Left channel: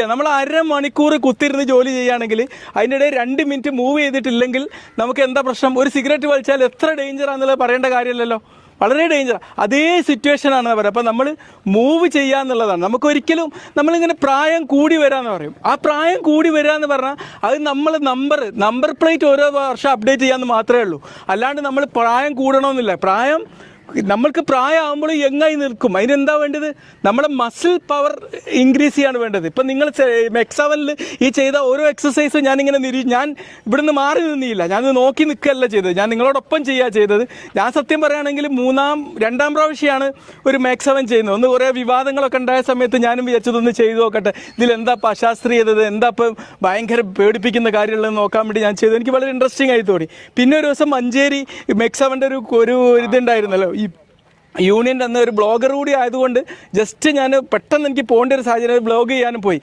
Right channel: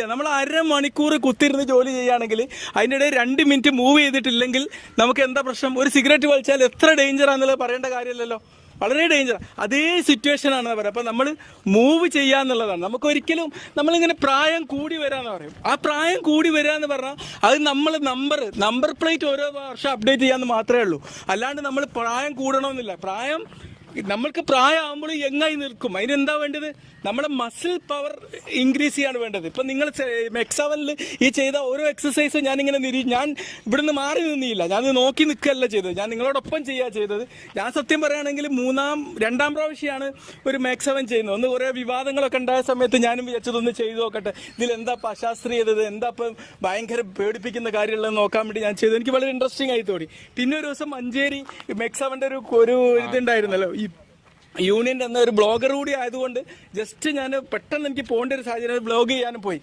നമ്മൾ അരമണിക്കൂർ കുത്തിരുന്ന് ജോലി ചെയ്യുകയാണെങ്കിൽ അതിൻ്റെ ഇടയിൽ 2 മിനിറ്റ് മൂവ് ചെയ്തിട്ടില്ലെങ്കിൽ നമുക്ക് എന്താ പ്രശ്നം? ഒരു സിഗരറ്റ് വലിച്ചാൽ എത്ര ഡേഞ്ചറാണെന്നുള്ളത് പറയേണ്ട കാര്യമില്ലല്ലോ, വളരെ ഡേഞ്ചർ. അതേ സിറ്റുവേഷനാണ് പറയുക. അപ്പം നമ്മൾ മൂവ് ചെയ്യുക എന്നുള്ളതാണ്. നമുക്കൊരിക്കലും നമ്മളിങ്ങനെ പ്രായം കൂടി വരാമെന്ന് പറയും. ആ പ്രായം കൂടി വരിക എന്ന് പറഞ്ഞാൽ അത് നമ്മൾ നമ്പർ പ്ലേറ്റ് ഓരോ വർഷം അപ്ഡേറ്റ് ചെയ്യാമെന്ന് മാത്രമേ ഉള്ളൂ. അല്ലാണ്ട് നമ്മൾ പ്രായം കൂടണമെന്നില്ല. നമ്മൾക്ക് പ്രായമാകുമ്പോൾ യങ്ങായി നിൽക്കും. അതിനെന്താ വേണ്ടത്? നമ്മളെ മസിൽ പവർ ഇൻക്രീസ് ചെയ്യാണ് വേണ്ടത്. ഇപ്പം നിങ്ങൾ മെക്സവനിൽ ഈ ചെയ്ത ഓരോ എക്സസൈസും ഞാനിങ്ങനെ ഞാൻ ഇവിടുന്ന് മാറി നിന്നില്ല, ഞാനിത് നോക്കി നിൽക്കുകയല്ല ചെയ്തത്, ഞാൻ നിങ്ങളോടൊപ്പം ചെയ്യുക ചെയ്തത്. ഞാൻ സത്യം പറയുകയാണെങ്കിൽ 2-ാം പ്രാവശ്യമാണ് ഒരു മെക്സവൻ ചെയ്യുന്നത്. ഒന്ന് കുറേ വിവാദങ്ങളൊക്കെ ഉണ്ടായ സമയത്ത് ഞാനും വിചാരിച്ചതൊന്ന് ചെയ്തു നോക്കട്ടെ, ഇതിലെന്താ അശാസ്ത്രീയത, എന്താ ഇപ്പം ഭയങ്കര പേടിപ്പിക്കുന്ന കാര്യമുള്ളത് നോക്കാൻ വേണ്ടി ഞാൻ ചെയ്തു. എനിക്ക് വളരെ ഇൻട്രസ്റ്റിംഗ് ആയി തോന്നി. പിന്നെ ഒരു ദിവസം മഞ്ചേരി മെക്സവൻ്റെ ഒരു ഇതുണ്ടായിരുന്നല്ലോ, ഈ യൂണിയൻ്റെ അന്ന് ഒരു ബ്ലോഗർ കൂടി ആയതുകൊണ്ട് ജസ്റ്റ് ഞാൻ പെട്ടെന്ന് എനിക്ക് പോകേണ്ട ഒരു സാഹചര്യം ബ്ലോഗ് ചെയ്യാനും പോയി.